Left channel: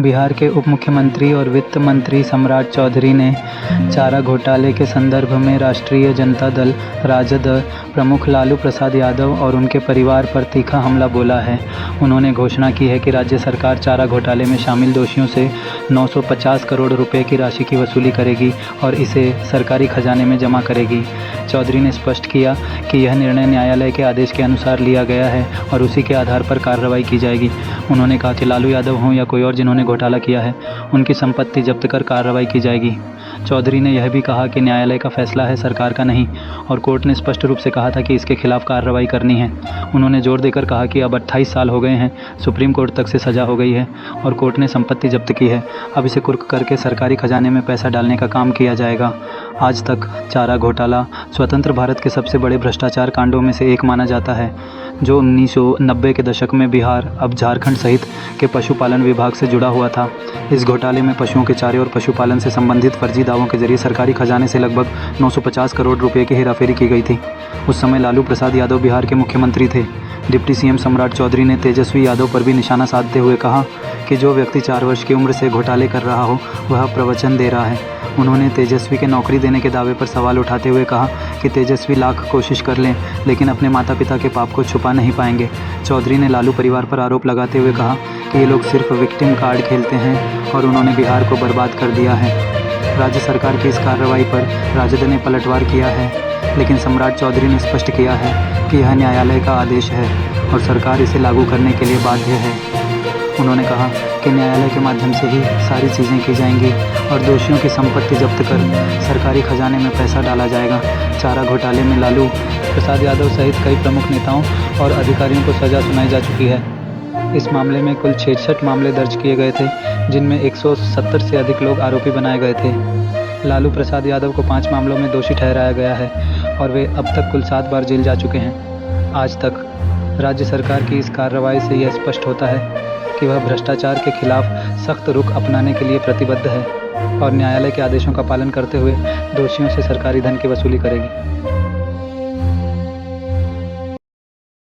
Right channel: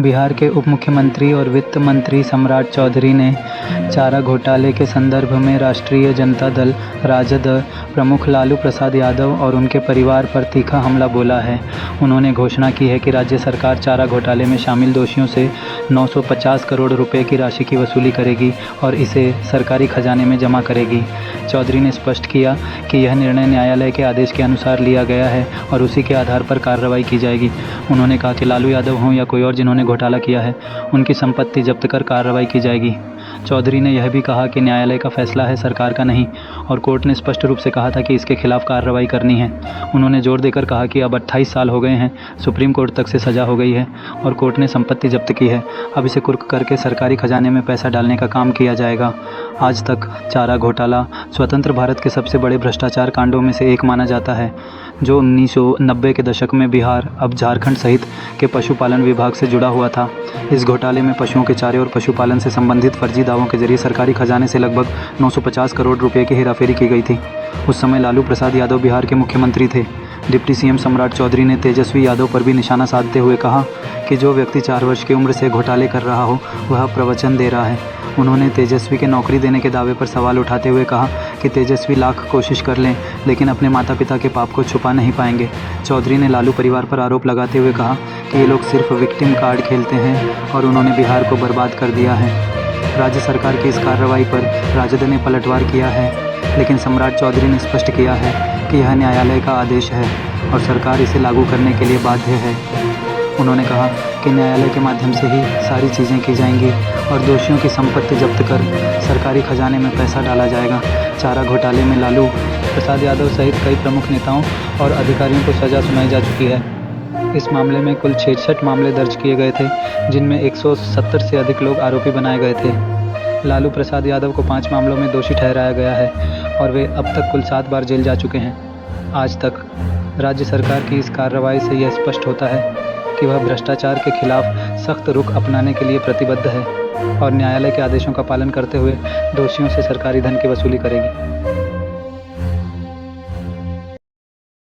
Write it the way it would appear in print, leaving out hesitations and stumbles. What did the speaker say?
बिहार के उप मुख्यमंत्री और वित्त मंत्री सम्राट चौधरी ने चारा घोटाले के संदर्भ में राष्ट्रीय जनता दल राजद प्रमुख लालू प्रसाद यादव और उनके परिवार पर तीखा हमला बोला है। उन्होंने घोषणा की है कि राज्य सरकार चारा घोटाले में शामिल दोषियों से 950 करोड़ रुपए की राशि की वसूली करेगी और इसे सरकारी खजाने में जमा करेगी। चौधरी ने स्पष्ट किया कि यह निर्णय न्यायालय के आदेश के अनुसार लिया गया है और उसी के आधार पर कार्रवाई की जाएगी। उन्होंने कहा कि लालू यादव हों या कोई और जिन्होंने घोटाला किया है, उनकी संपत्ति जब्त कर कार्रवाई की जाएगी। चौधरी ने यह भी कहा कि न्यायालय का फैसला है, सरकार का नहीं, और कोर्ट ने स्पष्ट रूप से कहा था कि इसके खिलाफ कार्रवाई करनी है। उन्होंने जोर देकर कहा कि अब 28 साल हो गए हैं, सुप्रीम कोर्ट तक से सजा हो गई है और कोर्ट ने संपत्ति जब्त की है। अब इसे कुर्क करके सरकारी खजाने में पैसा डालने का काम किया जाएगा। आज तक चारा घोटाला स्वतंत्र भारत के सबसे बड़े भ्रष्टाचार कांडों में से एक माना जाता है, जो 1990 के दशक में बिहार, अब झारखंड सहित के पशुपालन विभाग से जुड़ा हुआ था। इस घोटाले में पशुओं के चारे और पशुपालन से संबंधित फर्जी दावों के जरिए सरकारी खजाने से लगभग 950 करोड़ रुपए की हेराफेरी की गई थी। उस समय लालू प्रसाद यादव बिहार के मुख्यमंत्री थे। डिप्टी सीएम सम्राट चौधरी ने तेजस्वी यादव पर भी निशाना साधते हुए कहा कि जो व्यक्ति 4 वर्ष की उम्र से घोटाले कर रहा हो, वह प्रवचन दे रहा है। उन्होंने तेजस्वी के नौकरी देने के दावे पर सवाल उठाते हुए कहा कि तेजस्वी लाख कोशिश कर लें, लेकिन अपने माता पिता के पाप को छुपा नहीं पाएंगे। चौधरी ने लालू परिवार पर आरोप लगाते हुए कहा कि ये लोग सिर्फ विक्टिम कार्ड खेलते हैं और उन्होंने बिहार को बर्बाद कर दिया है। राज्य सरकार की इस कार्रवाई पर राजद ने पलटवार किया है, लेकिन सम्राट चौधरी ने स्पष्ट किया है कि यह न्यायालय का आदेश है और सरकार इसे लागू करने के लिए बाध्य है। उन्होंने कहा कि न्यायालय के माध्यम से ही सारी चीज़ें की जाएंगी और दोषियों की संपत्ति जब्त कर सरकारी खजाने में पैसा डाला जाएगा। चारा घोटाले में लालू प्रसाद यादव सहित कई प्रमुख नेताओं और अधिकारियों को सज़ा सुनाई जा चुकी है। इस मामले में कुल 66 मामले दर्ज किए गए थे, जिनमें 170 से अधिक लोग आरोपी बनाए गए थे। लालू प्रसाद यादव को 5 मामलों में दोषी ठहराया गया है और वे अब तक कुल 7 बार जेल जा चुके हैं। आज तक राज्य सरकार की इस कार्रवाई से यह स्पष्ट होता है कि वह भ्रष्टाचार के खिलाफ सख्त रुख अपनाने के लिए प्रतिबद्ध है और न्यायालय के आदेशों का पालन करते हुए दोषियों से सरकारी